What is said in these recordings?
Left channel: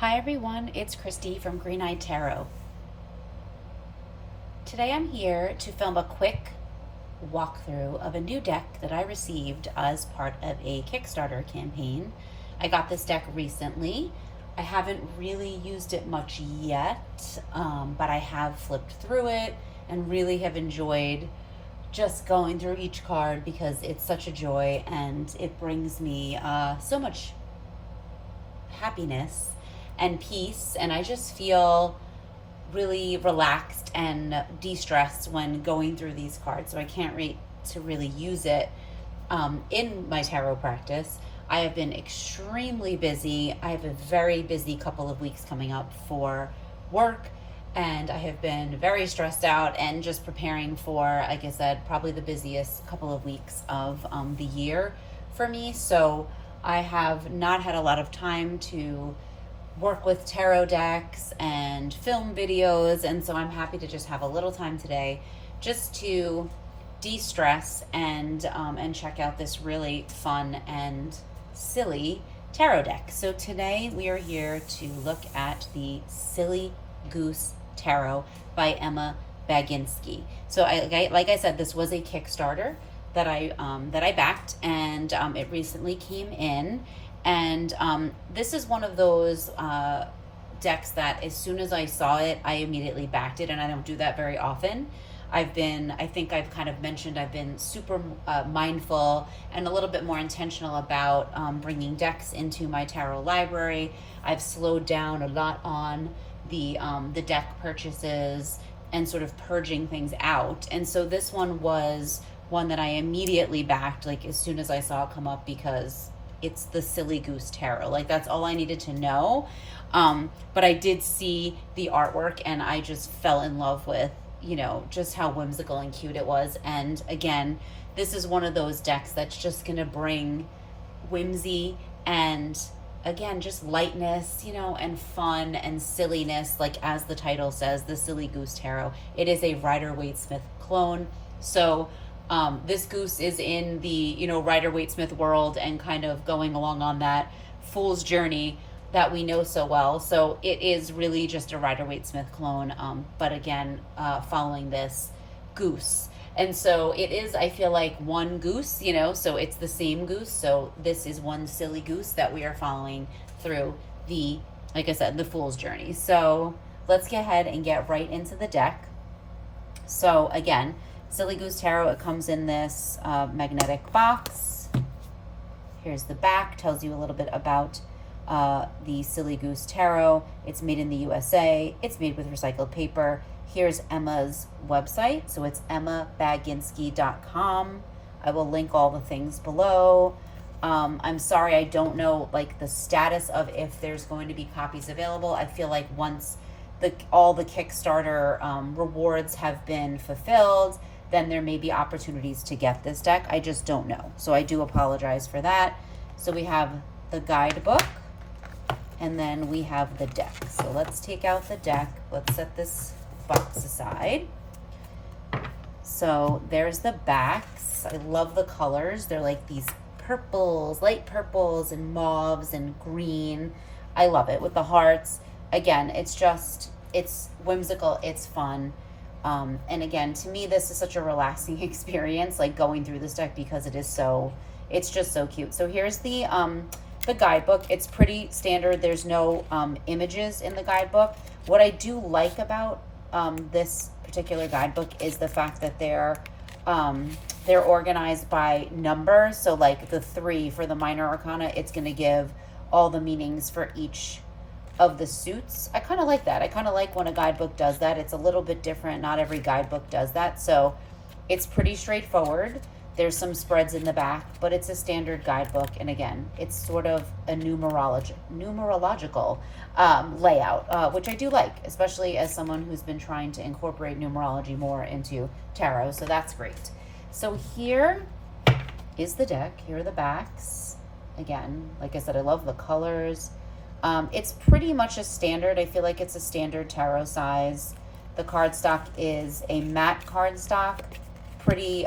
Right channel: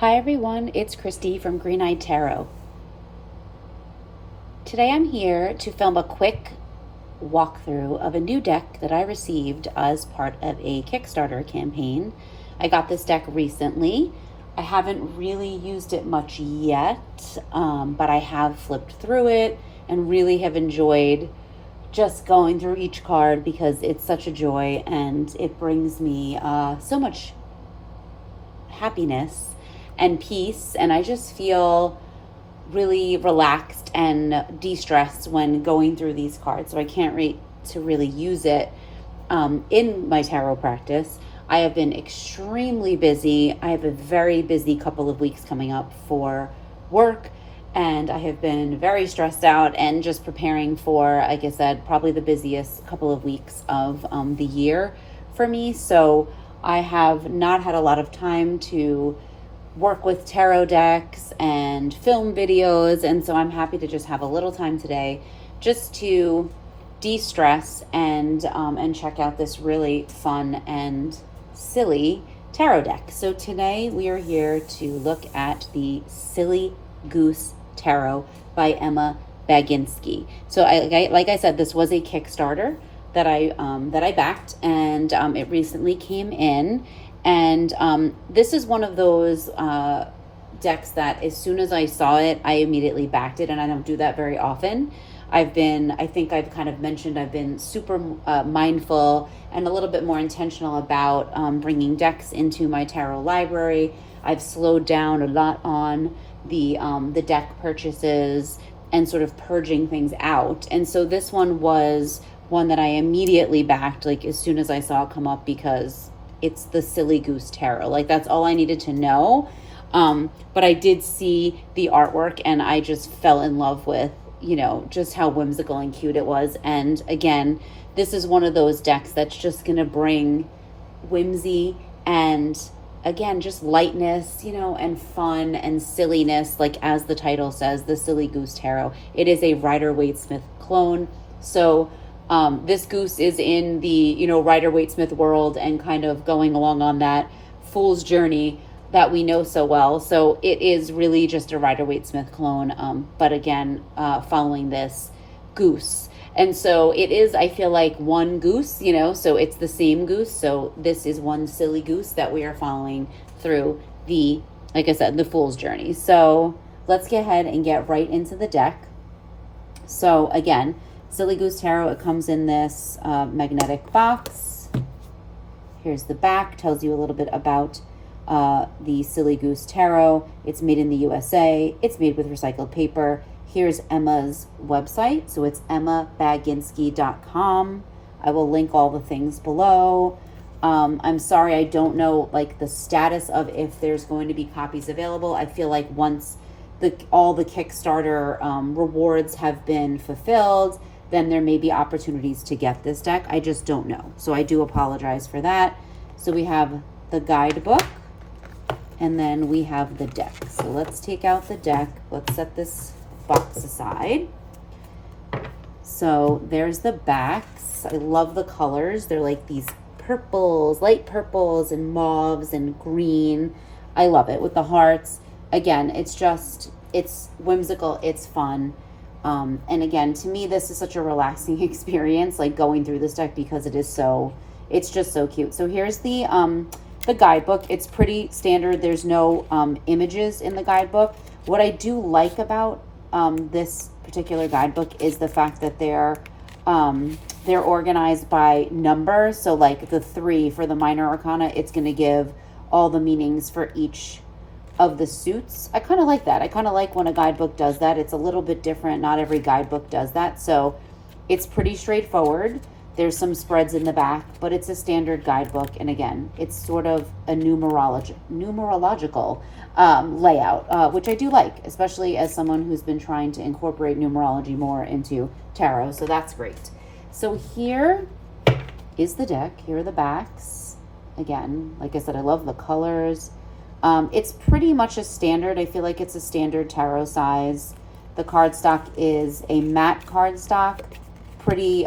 Hi everyone, it's Christy from Green Eyed Tarot. Today I'm here to film a quick walkthrough of a new deck that I received as part of a Kickstarter campaign. I got this deck recently. I haven't really used it much yet, but I have flipped through it and really have enjoyed just going through each card because it's such a joy and it brings me so much happiness and peace, and I just feel really relaxed and de-stressed when going through these cards. So I can't wait to really use it in my tarot practice. I have been extremely busy. I have a very busy couple of weeks coming up for work, and I have been very stressed out and just preparing for, like I said, probably the busiest couple of weeks of the year for me. So I have not had a lot of time to work with tarot decks and film videos, and so I'm happy to just have a little time today just to de-stress and check out this really fun and silly tarot deck. So today we are here to look at the Silly Goose Tarot by Emma Baginski. So like I said, this was a Kickstarter that I backed, and it recently came in. And this is one of those decks that as soon as I saw it, I immediately backed it, and I don't do that very often. I think I've kind of mentioned, I've been super mindful and a little bit more intentional about bringing decks into my tarot library. I've slowed down a lot on the deck purchases and sort of purging things out. And so this one was one that I immediately backed, like as soon as I saw it come up, because it's the Silly Goose Tarot. Like, that's all I needed to know. But I did see the artwork and I just fell in love with, just how whimsical and cute it was. And again, this is one of those decks that's just gonna bring whimsy and, again, just lightness, and fun and silliness, like as the title says, the Silly Goose Tarot. It is a Rider-Waite-Smith clone. So this goose is in the, Rider-Waite-Smith world and kind of going along on that fool's journey that we know so well. So it is really just a Rider-Waite-Smith clone, but again, following this goose. And so it is, I feel like, one goose, so it's the same goose. So this is one silly goose that we are following through the, like I said, the fool's journey. So let's get ahead and get right into the deck. So again, Silly Goose Tarot, it comes in this magnetic box. Here's the back, tells you a little bit about the Silly Goose Tarot. It's made in the USA. It's made with recycled paper. Here's Emma's website. So it's emmabaginski.com. I will link all the things below. I'm sorry, I don't know like the status of if there's going to be copies available. I feel like once all the Kickstarter rewards have been fulfilled, then there may be opportunities to get this deck. I just don't know. So I do apologize for that. So we have the guidebook, and then we have the deck. So let's take out the deck. Let's set this box aside. So there's the backs. I love the colors. They're like these purples, light purples and mauves and green. I love it with the hearts. Again, it's whimsical, it's fun. And again, to me, this is such a relaxing experience, like going through this deck, because it's just so cute. So here's the guidebook. It's pretty standard. There's no images in the guidebook. What I do like about this particular guidebook is the fact that they're organized by number. So like the 3 for the minor arcana, it's going to give all the meanings for each of the suits. I kind of like that. I kind of like when a guidebook does that. It's a little bit different. Not every guidebook does that. So it's pretty straightforward. There's some spreads in the back, but it's a standard guidebook. And again, it's sort of a numerological layout, which I do like, especially as someone who's been trying to incorporate numerology more into tarot. So that's great. So here is the deck. Here are the backs. Again, like I said, I love the colors. It's pretty much a standard. I feel like it's a standard tarot size. The cardstock is a matte cardstock, pretty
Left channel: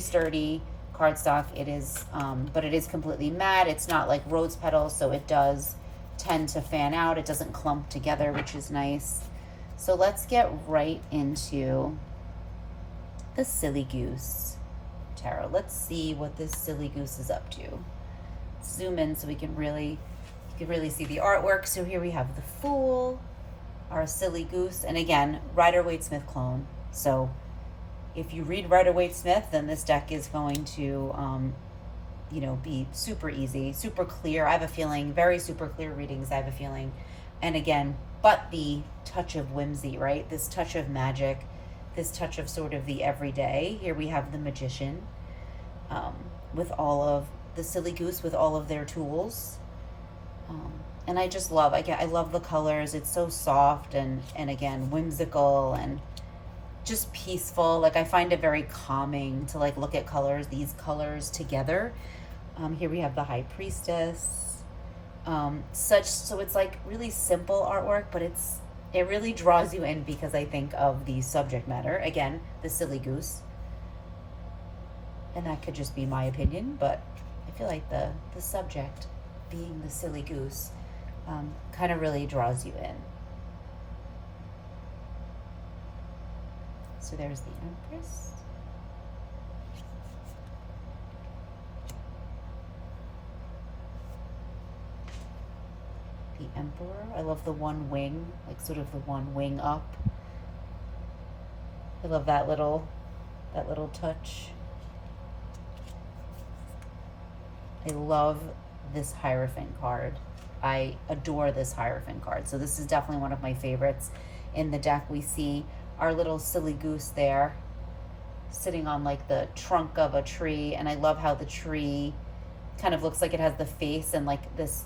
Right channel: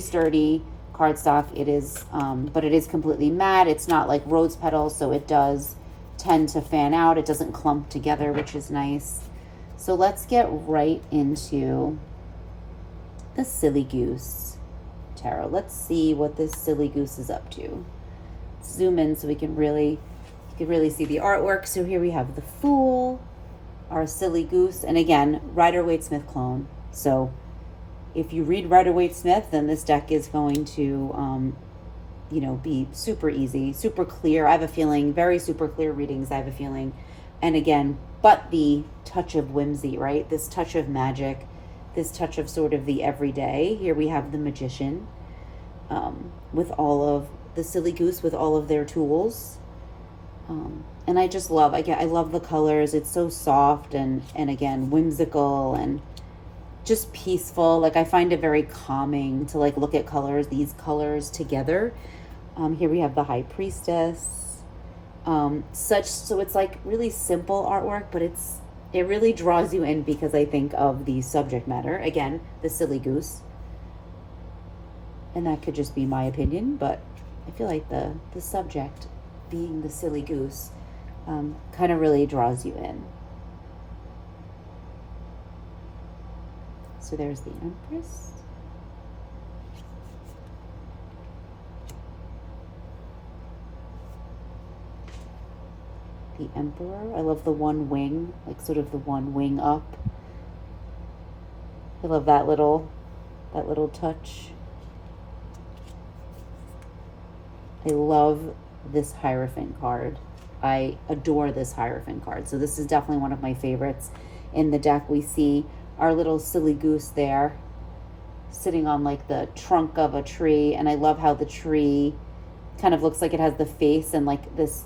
sturdy cardstock. It is, but it is completely matte. It's not like rose petals, so it does tend to fan out. It doesn't clump together, which is nice. So let's get right into the Silly Goose tarot. Let's see what this Silly Goose is up to. Zoom in so we can really see the artwork. So here we have the Fool, our Silly Goose, and again, Rider-Waite-Smith clone. So if you read Rider-Waite-Smith, then this deck is going to be super easy, super clear. I have a feeling, very super clear readings, I have a feeling. And again, but the touch of whimsy, right? This touch of magic, this touch of sort of the everyday. Here we have the Magician, with all of the Silly Goose, with all of their tools. And I just love, I love the colors. It's so soft and again, whimsical and just peaceful. Like I find it very calming to like look at these colors together. Here we have the High Priestess. So it's like really simple artwork, but it really draws you in because I think of the subject matter. Again, the Silly Goose. And that could just be my opinion, but I feel like the subject being the Silly Goose kind of really draws you in. So there's the Empress. The Emperor. I love the one wing, like sort of the one wing up. I love that little touch. I love this Hierophant card. I adore this Hierophant card. So this is definitely one of my favorites in the deck. We see our little Silly Goose there sitting on like the trunk of a tree, and I love how the tree kind of looks like it has the face, and like this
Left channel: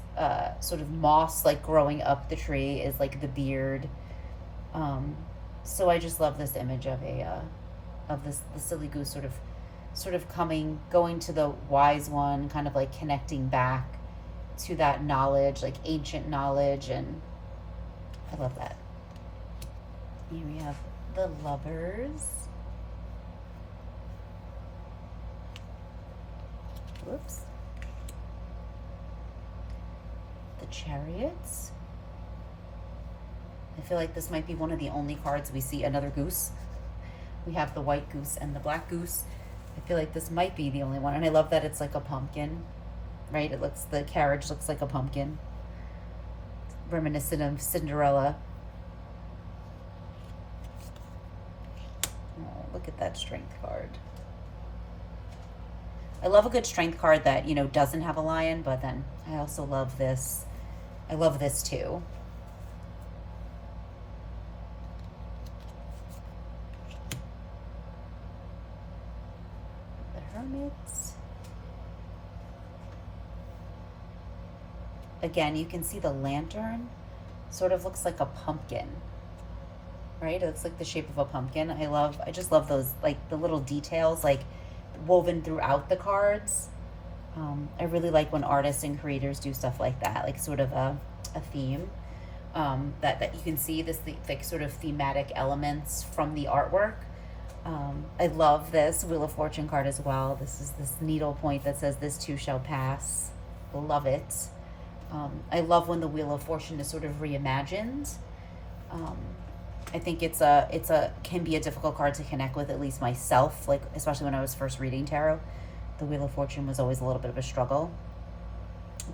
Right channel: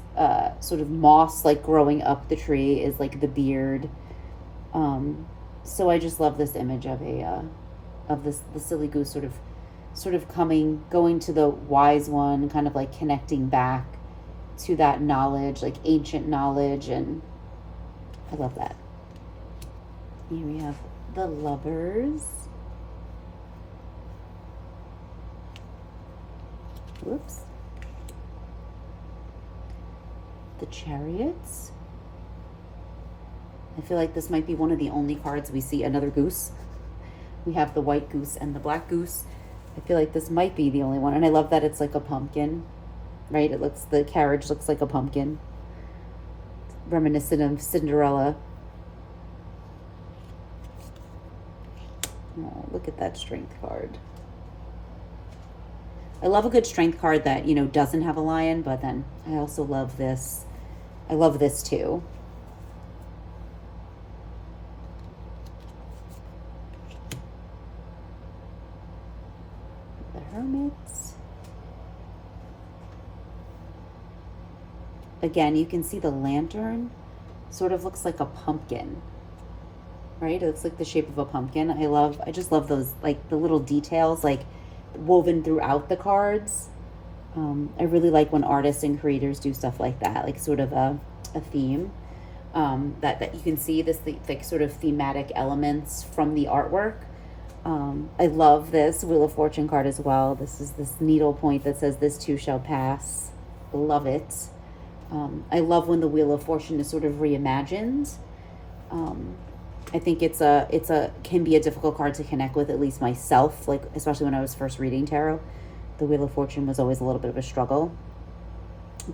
sort of moss like growing up the tree is like the beard. So I just love this image of the Silly Goose sort of going to the wise one, kind of like connecting back to that knowledge, like ancient knowledge, and I love that. Here we have the Lovers. Whoops. The Chariots. I feel like this might be one of the only cards we see another goose. We have the white goose and the black goose. I feel like this might be the only one. And I love that it's like a pumpkin, right? The carriage looks like a pumpkin. Reminiscent of Cinderella. Oh, look at that Strength card. I love a good Strength card that, doesn't have a lion, but then I also love this. I love this too. The Hermits. Again, you can see the lantern sort of looks like a pumpkin, right? It looks like the shape of a pumpkin. I just love those, like the little details, like woven throughout the cards. I really like when artists and creators do stuff like that, like sort of a theme, that you can see this like sort of thematic elements from the artwork. I love this Wheel of Fortune card as well. This is this needle point that says this too shall pass. Love it. I love when the Wheel of Fortune is sort of reimagined. I think it can be a difficult card to connect with, at least myself, like especially when I was first reading tarot. The Wheel of Fortune was always a little bit of a struggle.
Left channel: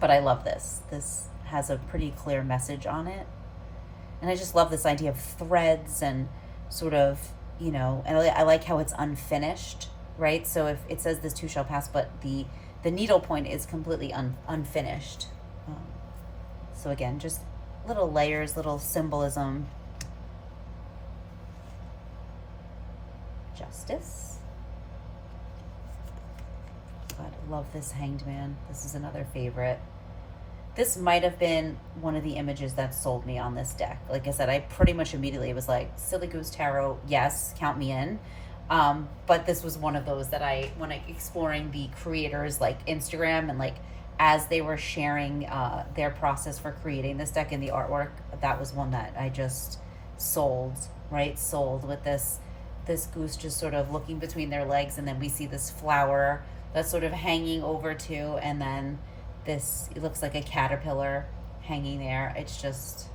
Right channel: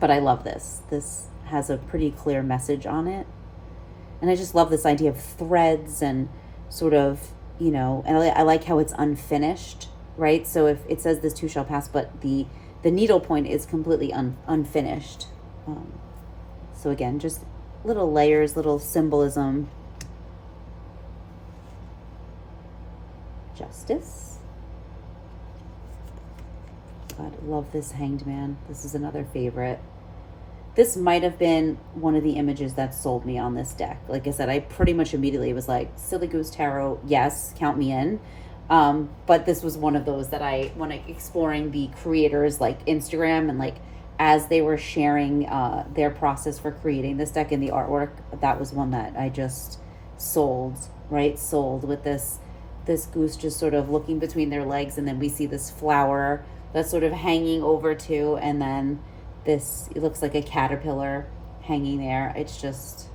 But I love this. This has a pretty clear message on it. And I just love this idea of threads and sort of, and I like how it's unfinished, right? So if it says this too shall pass, but the needle point is completely unfinished. So again, just little layers, little symbolism. Justice. God, I love this Hanged Man. This is another favorite. This might have been one of the images that sold me on this deck. Like I said, I pretty much immediately was like, Silly Goose Tarot, yes, count me in. But this was one of those that when exploring the creators' like Instagram, and like as they were sharing their process for creating this deck and the artwork, that was one that I just sold with this goose just sort of looking between their legs, and then we see this flower that's sort of hanging over too, and then it looks like a caterpillar hanging there. It's just,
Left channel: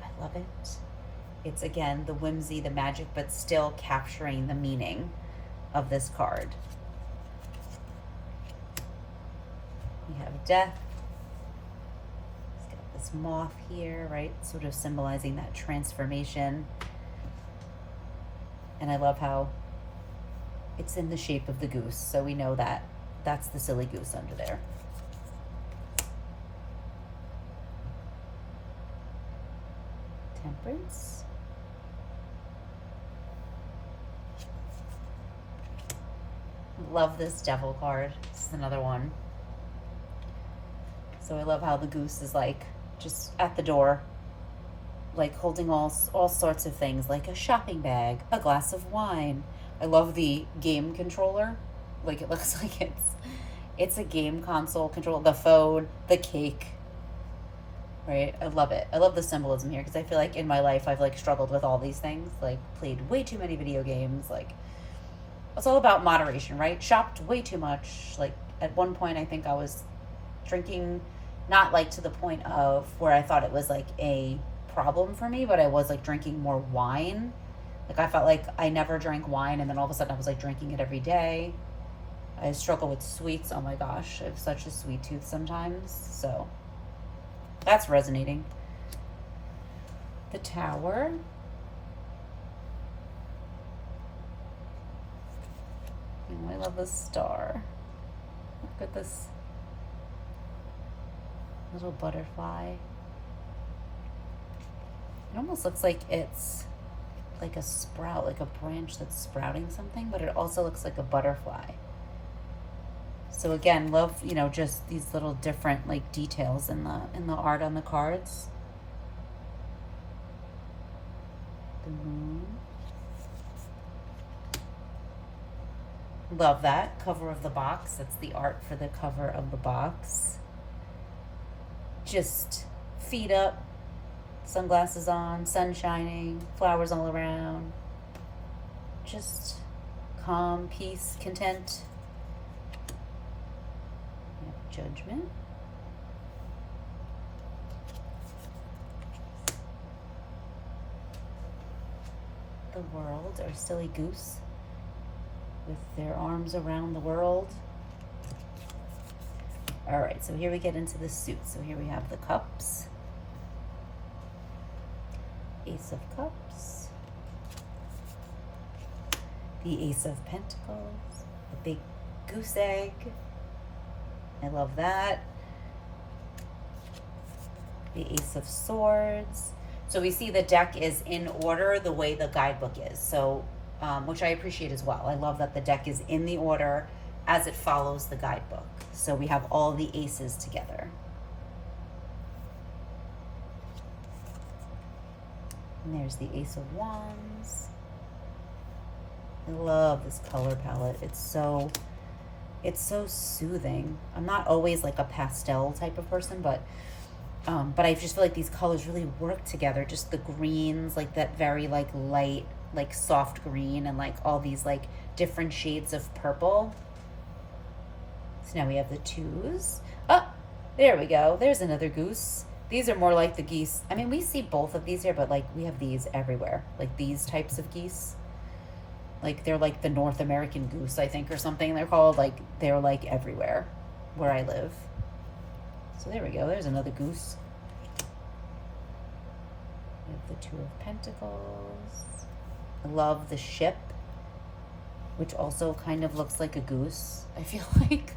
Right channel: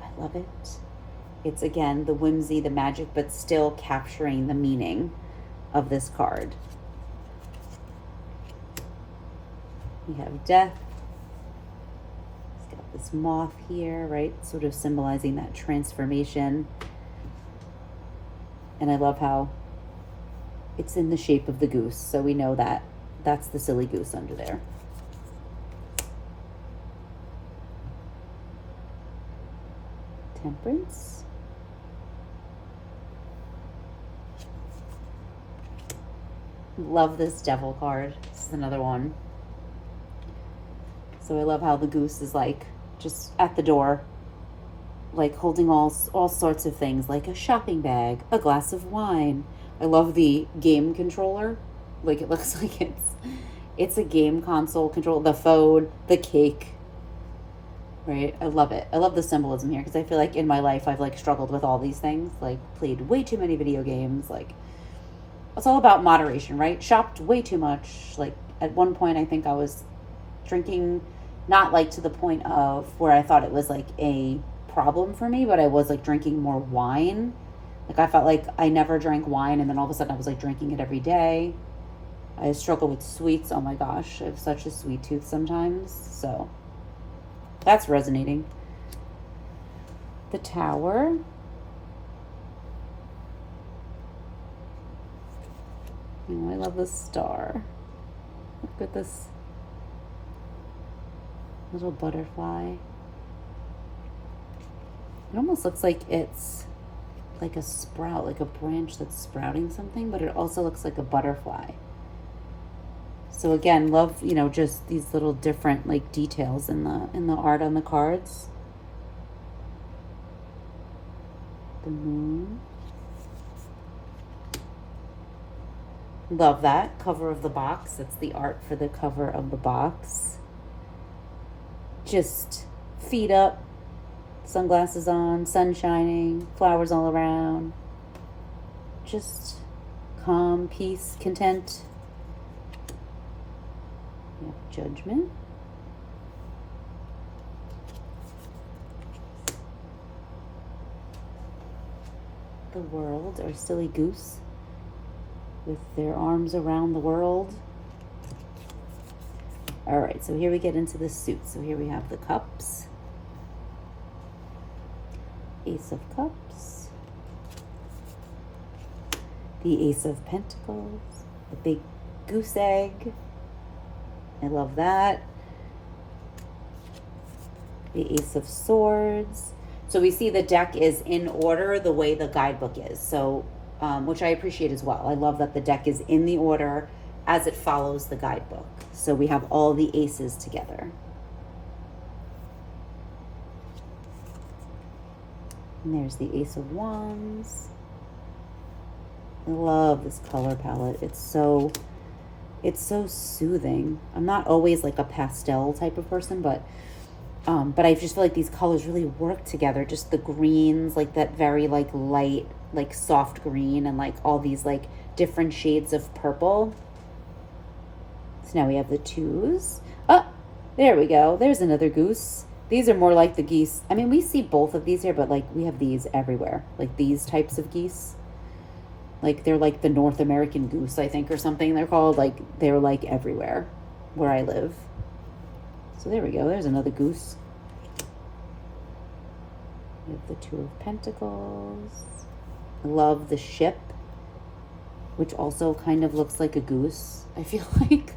I love it. It's, again, the whimsy, the magic, but still capturing the meaning of this card. We have death. It's got this moth here, right? Sort of symbolizing that transformation. And I love how it's in the shape of the goose, so we know that that's the silly goose under there. Temperance. Love this devil card. This is another one. So I love how the goose is like just at the door, like holding all sorts of things, like a shopping bag, a glass of wine. I love the game controller. Like, it looks like it's a game console control, the phone, the cake. Right? I love it. I love the symbolism here because I feel like in my life I've like struggled with all these things, like played way too many video games, like it's all about moderation, right? Shopped way too much. Like at one point I think I was drinking, not like to the point of where I thought it was like a problem for me, but I was like drinking more wine. Like I felt like I never drank wine, and then all of a sudden I was like drinking it every day. I struggle with sweets. Oh my gosh, I have such a sweet tooth sometimes. So that's resonating. The Tower. Oh, I love the star. Look at this little butterfly. It almost looks like it's like a sprout, like a branch that's sprouting something, but it also looks like a butterfly. So again, love, you know, just these little different like details in the art on the cards. The moon. Love that cover of the box. That's the art for the cover of the box. Just feet up, sunglasses on, sun shining, flowers all around. Just calm, peace, content. Judgment. The World, or silly goose with their arms around the world. All right, so here we get into the suit. So here we have the cups, Ace of Cups, the Ace of Pentacles, the big goose egg. I love that. The Ace of Swords. So we see the deck is in order the way the guidebook is. So, which I appreciate as well. I love that the deck is in the order as it follows the guidebook. So we have all the aces together. And there's the Ace of Wands. I love this color palette. It's so soothing. I'm not always like a pastel type of person, but I just feel like these colors really work together. Just the greens, like that very like light, like soft green, and like all these like different shades of purple. So now we have the twos. Oh, there we go. There's another goose. These are more like the geese. I mean, we see both of these here, but like we have these everywhere. Like these types of geese. Like they're like the North American goose, I think, or something they're called. Like they're like everywhere where I live. So there we go. There's another goose. We have the Two of Pentacles. Love the ship, which also kind of looks like a goose. I feel like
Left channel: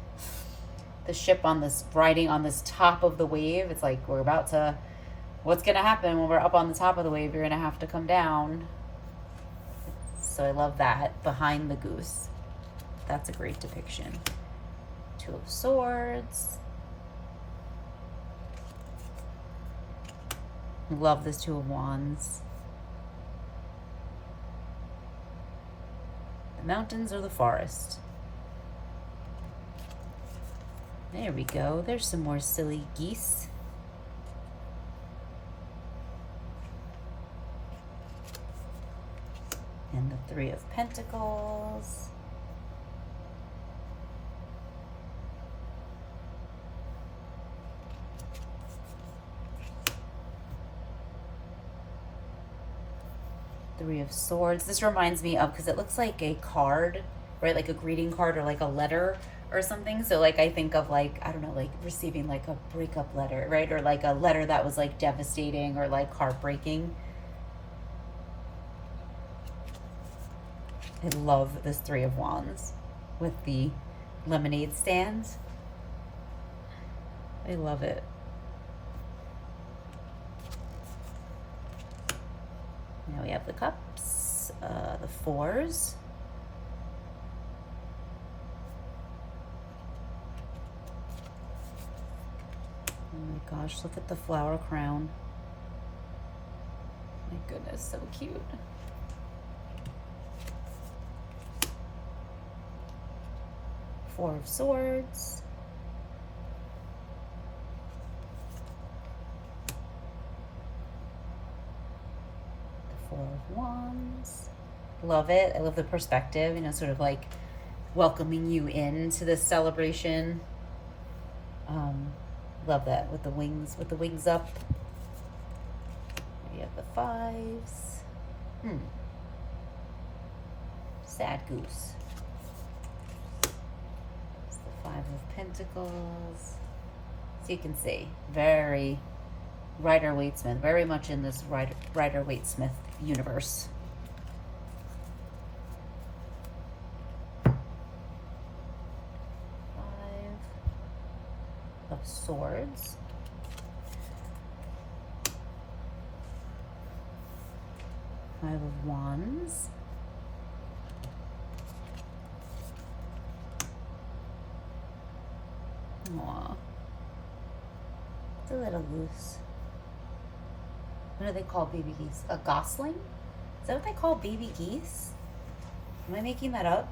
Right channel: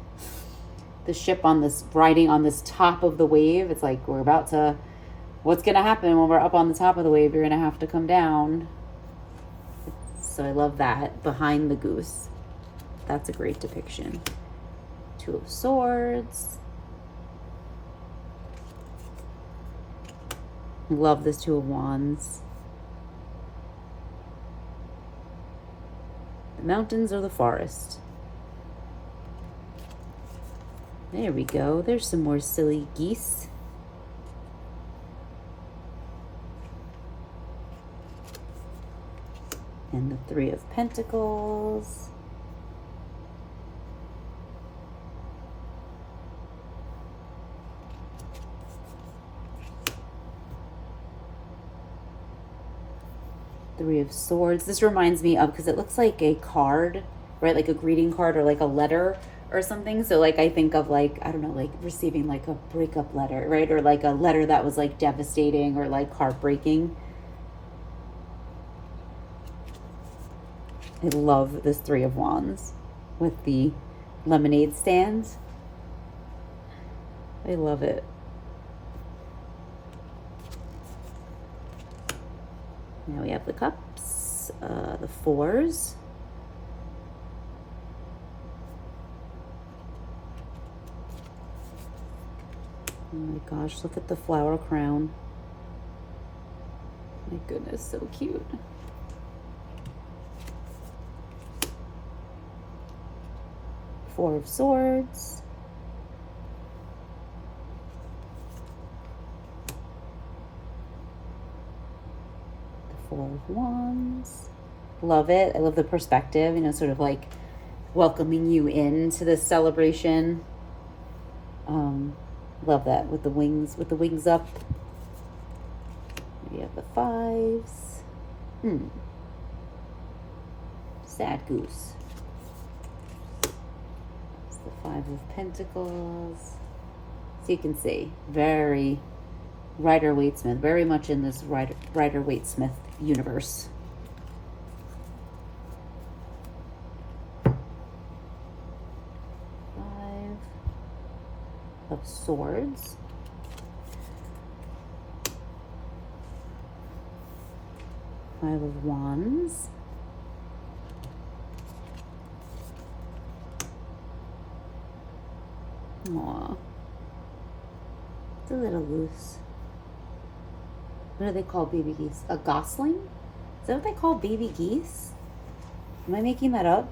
the ship on this, riding on this top of the wave. It's like we're about to, what's going to happen when we're up on the top of the wave? You're going to have to come down. So I love that behind the goose. That's a great depiction. Two of Swords. Love this Two of Wands. The mountains or the forest. There we go. There's some more silly geese. And the Three of Pentacles. Three of Swords. This reminds me of, because it looks like a card, right? Like a greeting card or like a letter or something. So like I think of like, I don't know, like receiving like a breakup letter, right? Or like a letter that was like devastating or like heartbreaking. I love this Three of Wands with the lemonade stand. I love it. Now we have the cups, the fours. Oh my gosh, look at the flower crown. My goodness, so cute. Four of Swords. The Four of Wands. Love it. I love the perspective, you know, sort of like welcoming you into this celebration. Love that with the wings up. We have the fives. Sad Goose. It's the Five of Pentacles. So you can see, very Rider-Waite-Smith, very much in this Rider-Waite-Smith universe. Of Swords. Five of Wands. Aww. It's a little goose. What do they call baby geese? A gosling? Is that what they call baby geese? Am I making that up?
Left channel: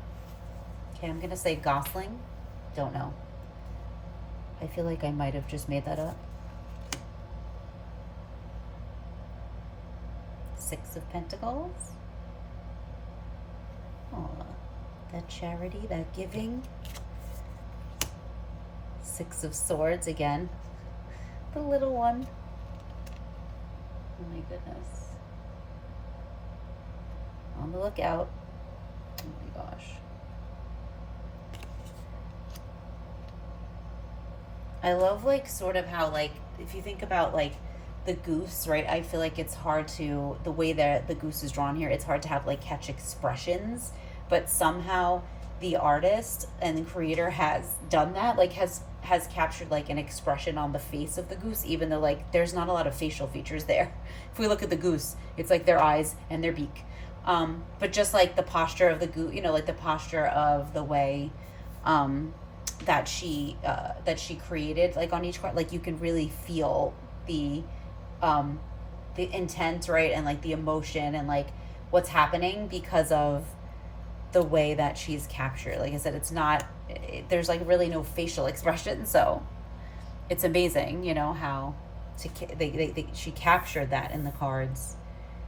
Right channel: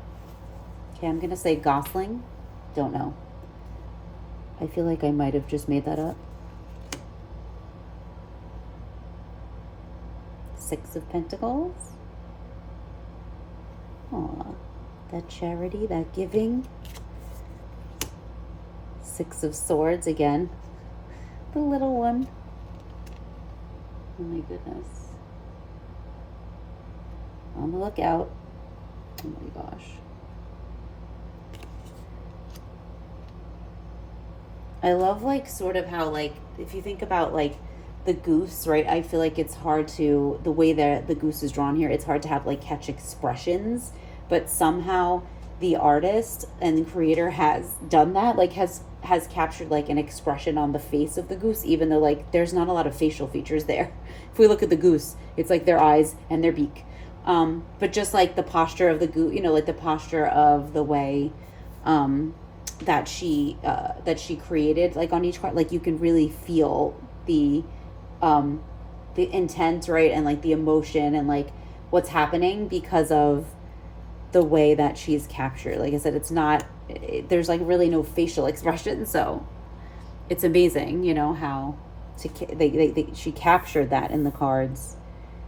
Okay, I'm gonna say gosling. Don't know. I feel like I might have just made that up. Six of Pentacles. Aw, that charity, that giving. Six of Swords again. The little one. Oh my goodness. On the lookout. Oh my gosh. I love like sort of how like if you think about like the goose, right? I feel like it's hard to, the way that the goose is drawn here, it's hard to have like catch expressions, but somehow the artist and the creator has done that, like has captured like an expression on the face of the goose, even though like there's not a lot of facial features there. If we look at the goose, it's like their eyes and their beak. But just like the posture of the goose, you know, like the posture of the way that she created, like on each card, like you can really feel the intent, right, and like the emotion and like what's happening because of the way that she's captured. Like I said, it's not, there's like really no facial expression, so it's amazing, you know, how she captured that in the cards,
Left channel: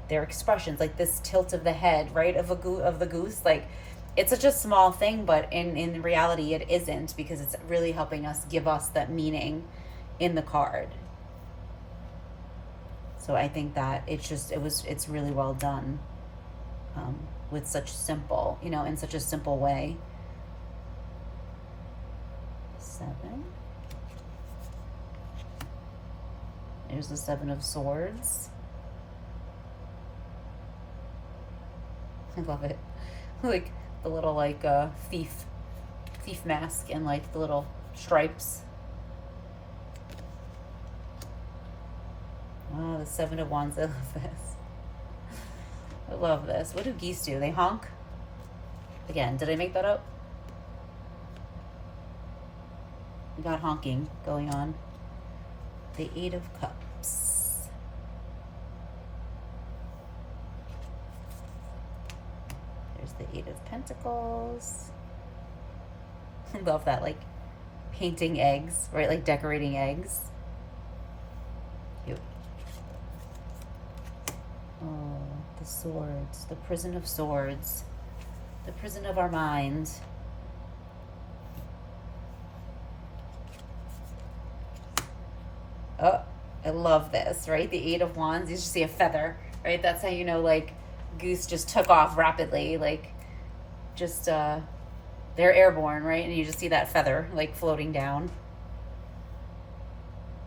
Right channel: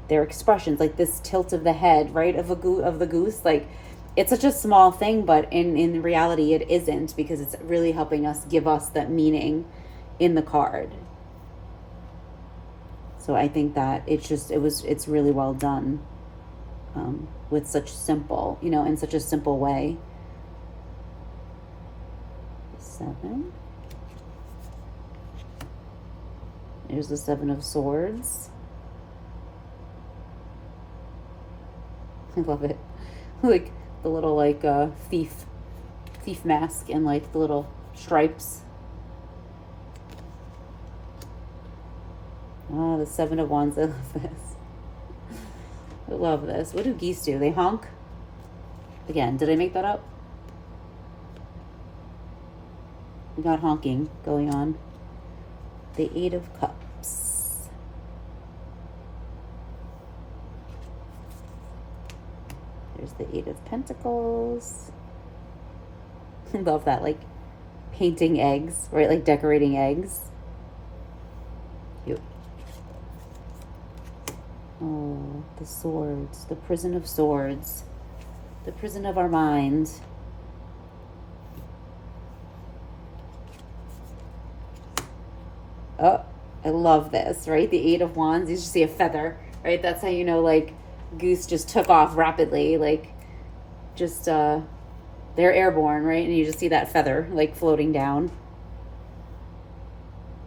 their expressions, like this tilt of the head, right, of the goose, like it's such a small thing, but in reality it isn't, because it's really helping us give us that meaning in the card. So I think that it's really well done, with such simple, you know, in such a simple way. 7. There's the Seven of Swords. I love it. Like the little like thief mask and like the little stripes. Oh, the Seven of Wands. I love this. I love this. What do geese do? They honk? Again, did I make that up? We got honking going on. The Eight of Cups. There's the Eight of Pentacles. I love that, like painting eggs, right? Like decorating eggs. Cute. Oh, the Swords, the Prison of Swords, the prison of our mind. Oh, I love this, right? The Eight of Wands, you just see a feather, right? That's how you know, like, Goose just took off rapidly, like just they're airborne, right? And you just see that feather like floating down.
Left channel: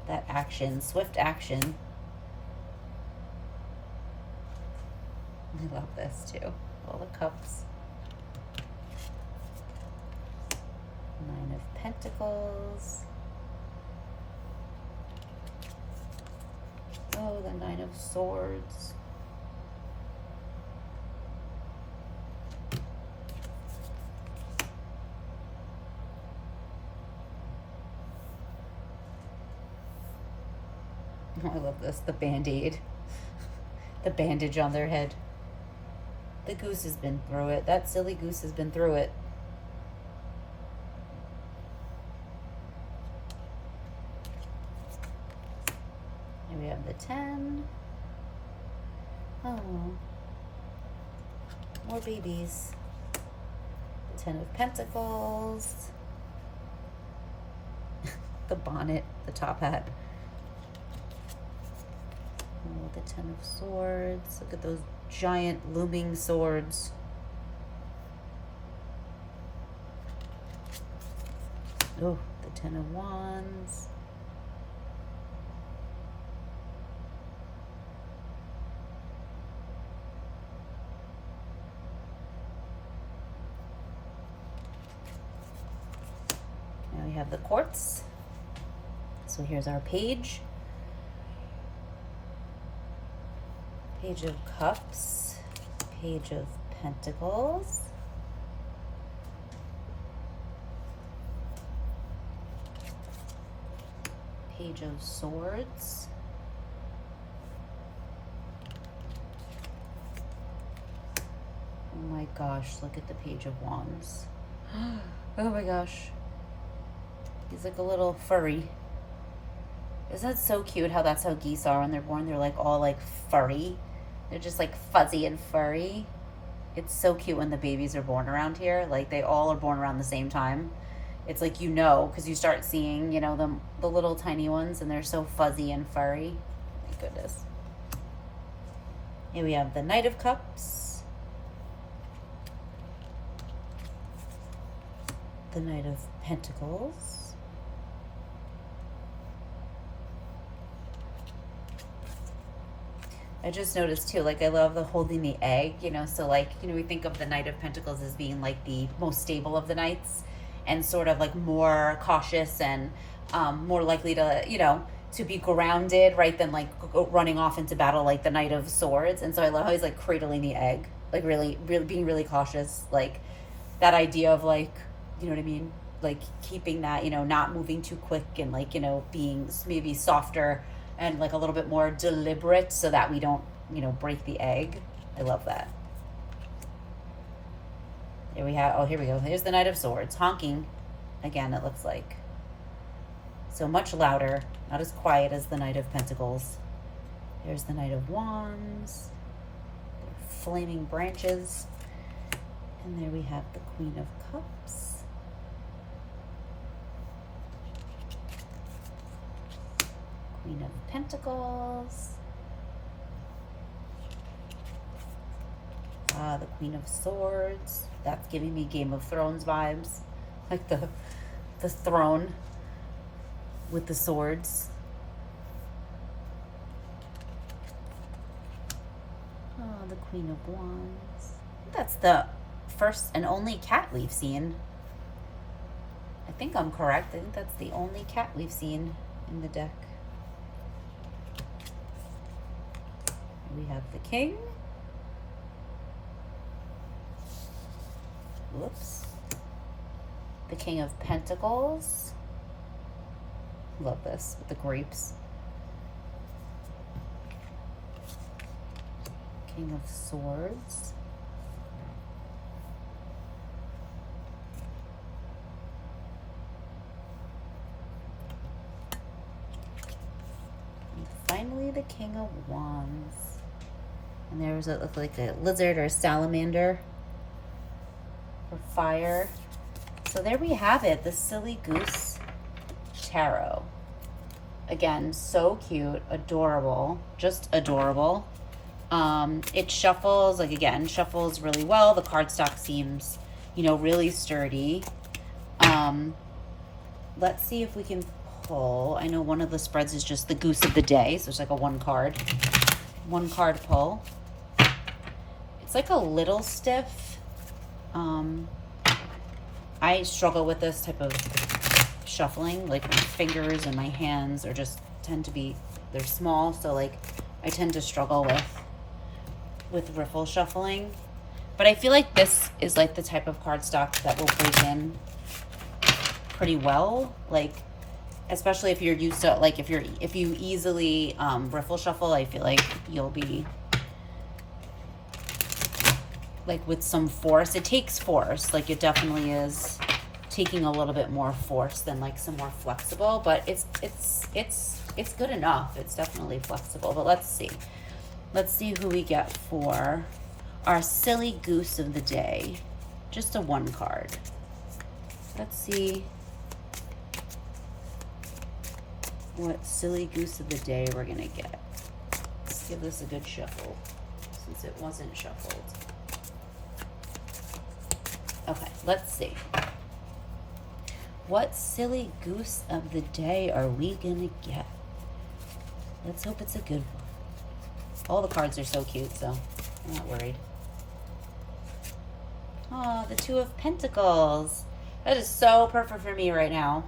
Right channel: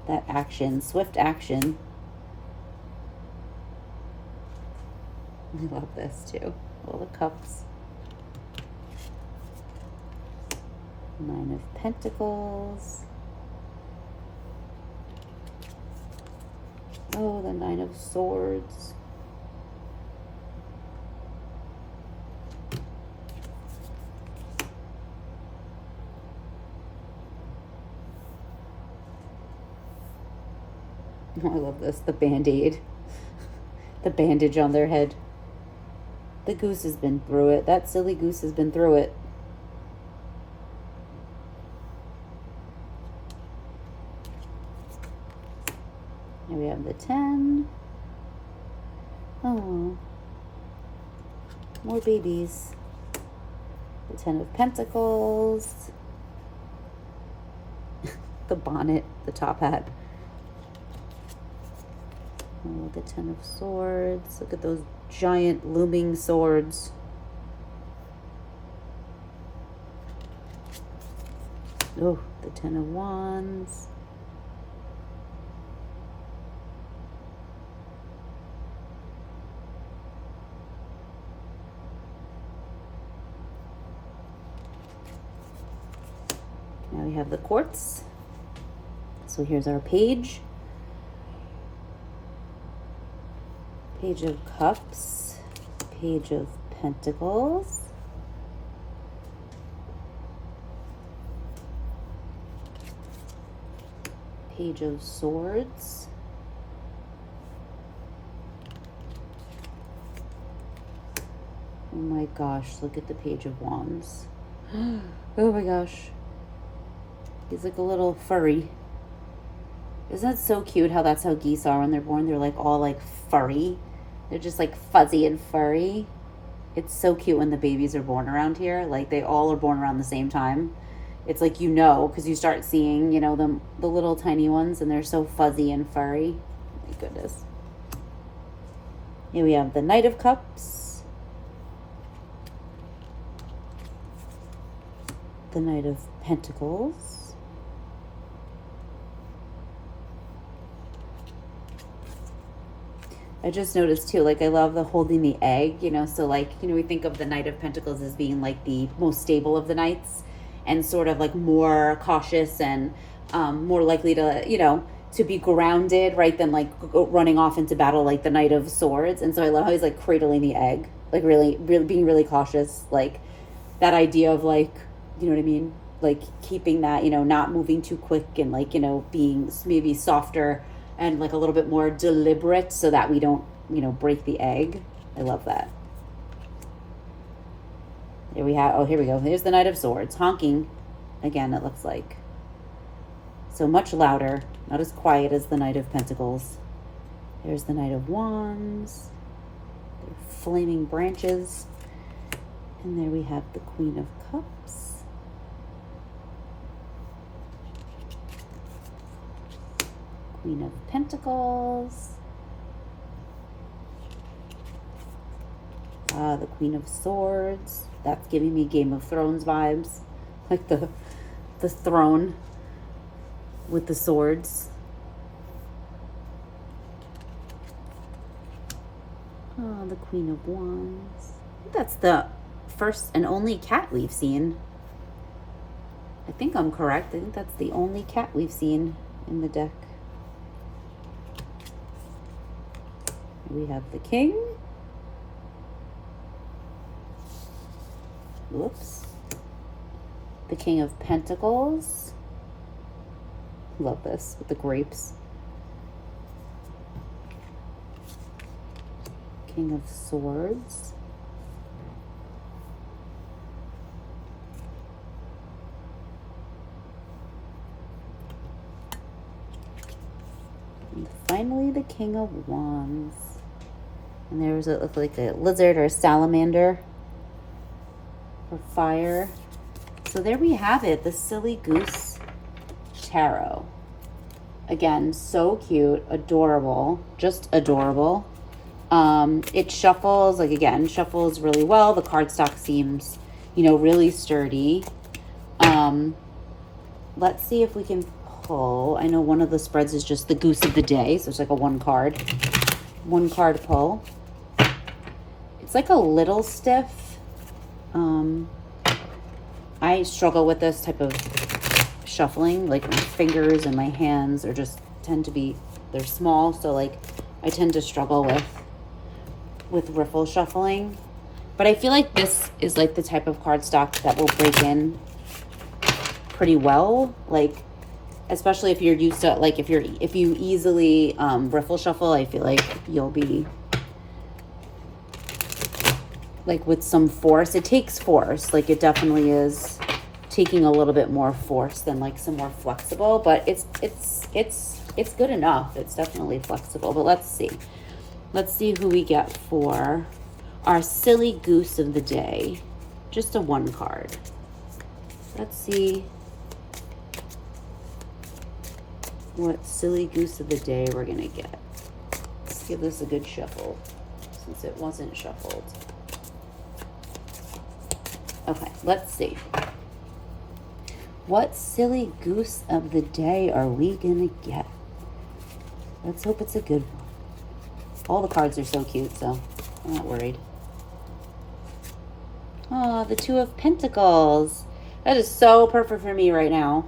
That action, swift action. I love this too. All the cups. Nine of Pentacles. Oh, the Nine of Swords. Oh, I love this. The Band-Aid. The bandage on their head. The goose has been through it. That silly goose has been through it. Here we have the 10. Oh. More babies. The 10 of Pentacles. The bonnet, the top hat. Oh, the 10 of Swords. Look at those giant looming swords. Oh, the 10 of Wands. Now we have the quartz. So here's our page. Page of Cups, Page of Pentacles, Page of Swords, oh my gosh, look at the Page of Wands. Oh my gosh, he's like a little furry. Isn't that so cute how that's how geese are when they're born? They're like all like furry. They're just like fuzzy and furry. It's so cute when the babies are born around here. Like they all are born around the same time. It's like, you know, because you start seeing, you know, the little tiny ones and they're so fuzzy and furry. Oh my goodness. Here we have the Knight of Cups. The Knight of Pentacles. I just noticed too, like I love the holding the egg, you know, so like, you know, we think of the Knight of Pentacles as being like the most stable of the knights and sort of like more cautious and more likely to, you know, to be grounded, right, than like running off into battle like the Knight of Swords. And so I love how he's like cradling the egg, like really being really cautious, like that idea of like, you know what I mean? Like keeping that, you know, not moving too quick and like, you know, being maybe softer and like a little bit more deliberate so that we don't, you know, break the egg. I love that. Here we have, oh, here we go. Here's the Knight of Swords, honking. Again, it looks like. So much louder, not as quiet as the Knight of Pentacles. Here's the Knight of Wands. Flaming branches. And there we have the Queen of Cups. Queen of Pentacles. The Queen of Swords. That's giving me Game of Thrones vibes. Like the throne with the swords. Oh, the Queen of Wands. That's the first and only cat we've seen. I think I'm correct. I think that's the only cat we've seen in the deck. We have the King. Whoops. The King of Pentacles. Love this with the grapes. King of Swords. And finally the King of Wands. And there's it looked like a lizard or a salamander for fire. So there we have it, the Silly Goose Tarot. Again, so cute, adorable, just adorable. It shuffles, like again, shuffles really well. The cardstock seems, you know, really sturdy. Let's see if we can pull. I know one of the spreads is just the Goose of the Day, so it's like a one card pull. It's like a little stiff. I struggle with this type of shuffling. Like my fingers and my hands are just tend to be, they're small, so like I tend to struggle with riffle shuffling. But I feel like this is like the type of cardstock that will break in pretty well, like especially if you're used to, like if you easily riffle shuffle, I feel like you'll be like with some force. It takes force, like it definitely is taking a little bit more force than like some more flexible, but it's good enough. It's definitely flexible. But let's see who we get for our silly Goose of the Day. Just a one card. Let's see what silly Goose of the Day we're gonna get. Let's give this a good shuffle since it wasn't shuffled. Okay, let's see. What silly Goose of the Day are we gonna get? Let's hope it's a good one. All the cards are so cute, so I'm not worried. Oh, the Two of Pentacles. That is so perfect for me right now.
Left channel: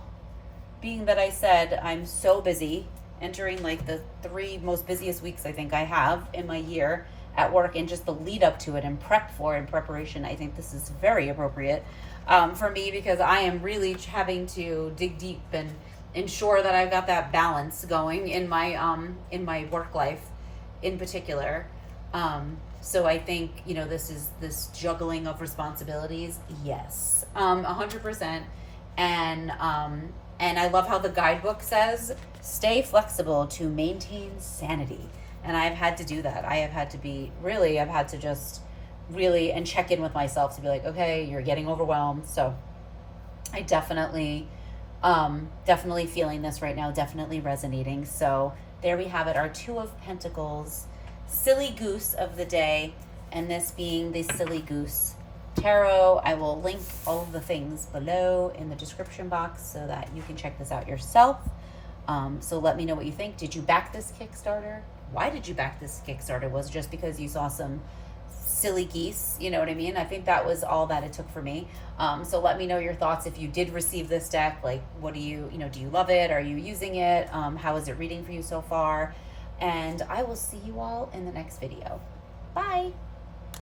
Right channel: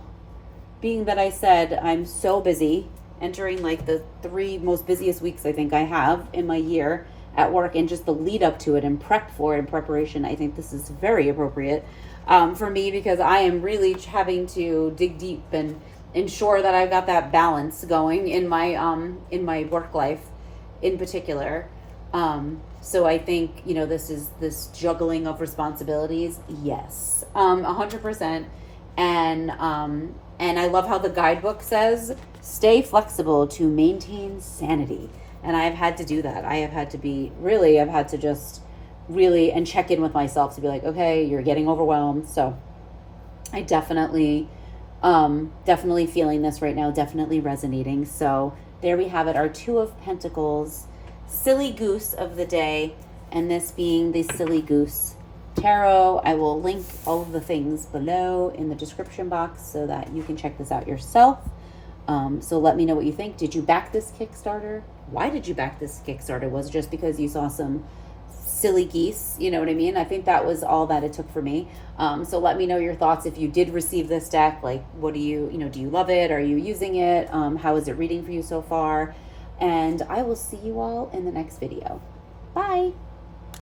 Being that I said I'm so busy, entering like the 3 most busiest weeks I think I have in my year at work, and just the lead up to it and prep for it and preparation, I think this is very appropriate for me, because I am really having to dig deep and ensure that I've got that balance going in my work life in particular. So I think, you know, this juggling of responsibilities, yes, 100%. And I love how the guidebook says, stay flexible to maintain sanity. And I've had to do that. I've had to just really, and check in with myself to be like, okay, you're getting overwhelmed. So I definitely feeling this right now, definitely resonating. So there we have it, our Two of Pentacles, silly Goose of the Day, and this being the Silly Goose Tarot. I will link all of the things below in the description box so that you can check this out yourself. So let me know what you think. Did you back this Kickstarter? Why did you back this Kickstarter? Was it just because you saw some silly geese? You know what I mean? I think that was all that it took for me. So let me know your thoughts if you did receive this deck. Like, what do you love it? Are you using it? How is it reading for you so far? And I will see you all in the next video. Bye.